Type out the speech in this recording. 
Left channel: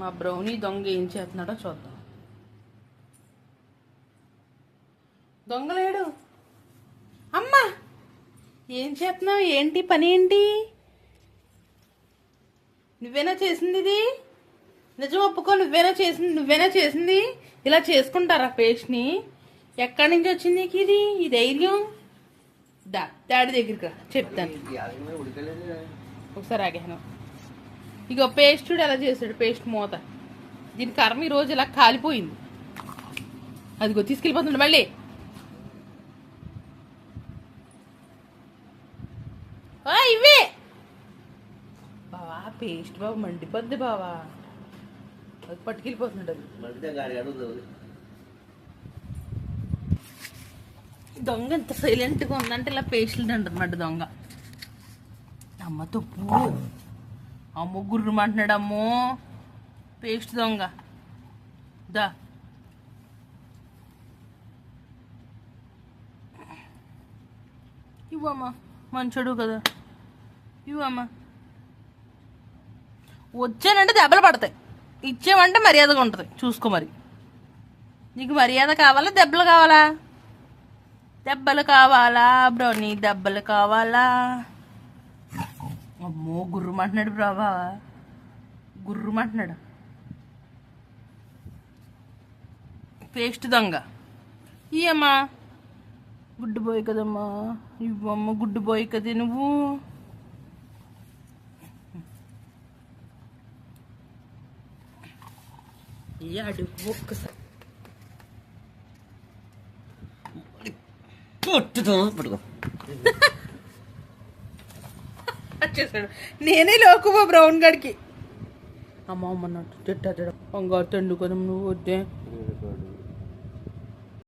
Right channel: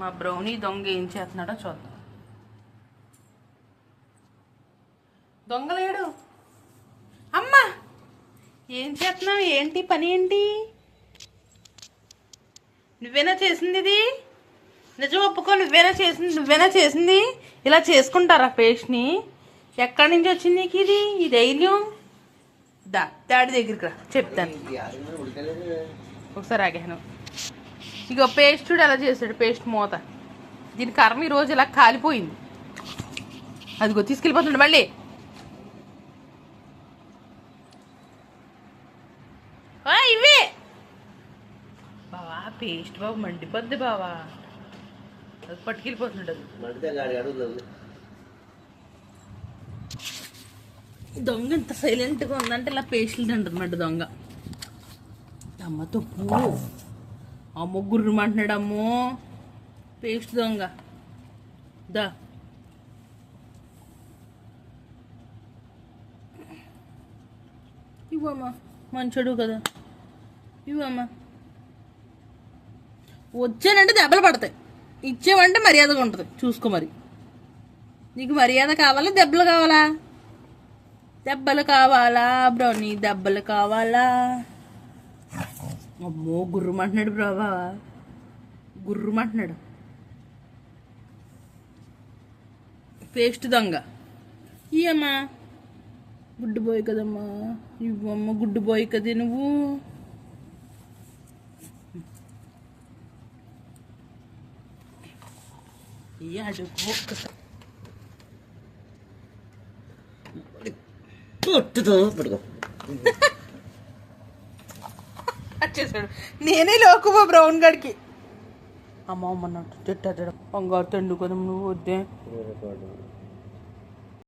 మా బ్రౌనీ దొంగ ఏం చేస్తున్నాడో చూద్దాం. దొంగలేడు. అమ్మా ఏం చేస్తున్నావు? ఏంటి పని? ఏంటి నువ్వేనా చేసింది? ఇది నిజం ఒప్పుకో. నువ్వేనా చేసింది? ఇలా చేసుకుంటారా పేస్ట్ని? ఎక్కడి నుంచి వచ్చింది నీకు ఇది ఈ ధైర్యం? డాడీ దగ్గరికి రా, చెప్తాను. ఒకసారి ఆగాను. ఇక పేస్ట్ చూడు ఎలా చేశాడు. పేస్ట్ మూత. దీని కర్మ ఈరోజు ఇలా కాలిపోయింది. అదిగో తీసుకెళ్ళిపోతుండే మళ్ళీ. ఇవే బావా పేస్ట్ బాబు మండిపోద్ది బావా. అది పట్టుకెళ్ళిపోతుండదు. దొంగ ఎంత సైలెంట్గా ఉందంటే ఇలా పేస్ట్లు తింటన్నమాట దొంగ. అమ్మ తప్పు. అమ్మ గుర్రమంటున్నాడు. అమ్మో పేస్ట్ దొంగ. దా ఇవ్వమ్మా, మంచోడు కదా, ఇవ్వమ్మా. వచ్చానంటే దెబ్బలు పడతాయి, ఇచ్చేమంటే మర్యాదగా ఉంటుంది. చూసుకో మరి. నీకు మర్యాద కావాలా దెబ్బలు కావాలా? దెబ్బలు కావాలా బ్రౌనీ? దెబ్బలు కావాలా? అమ్మో గుర్రమంటున్నాడు బ్రావా, గుర్రమంటున్నాడు. పేస్ట్ దొంగ. ఇయ్యమ్మా, గుడ్డు బాయ్ కదమ్మా, ఇవ్వమ్మ. గుడ్డు బాయ్ కదే నువ్వు. ఇయ్యాడు ఒక్కసారి వచ్చేసాడు. నేనే లోకుమా బ్రౌన్ గడికి. అమ్మ అమ్మన్నట్టు చెట్ట బంగారు తండ్రి కదా నువ్వు. వద్దే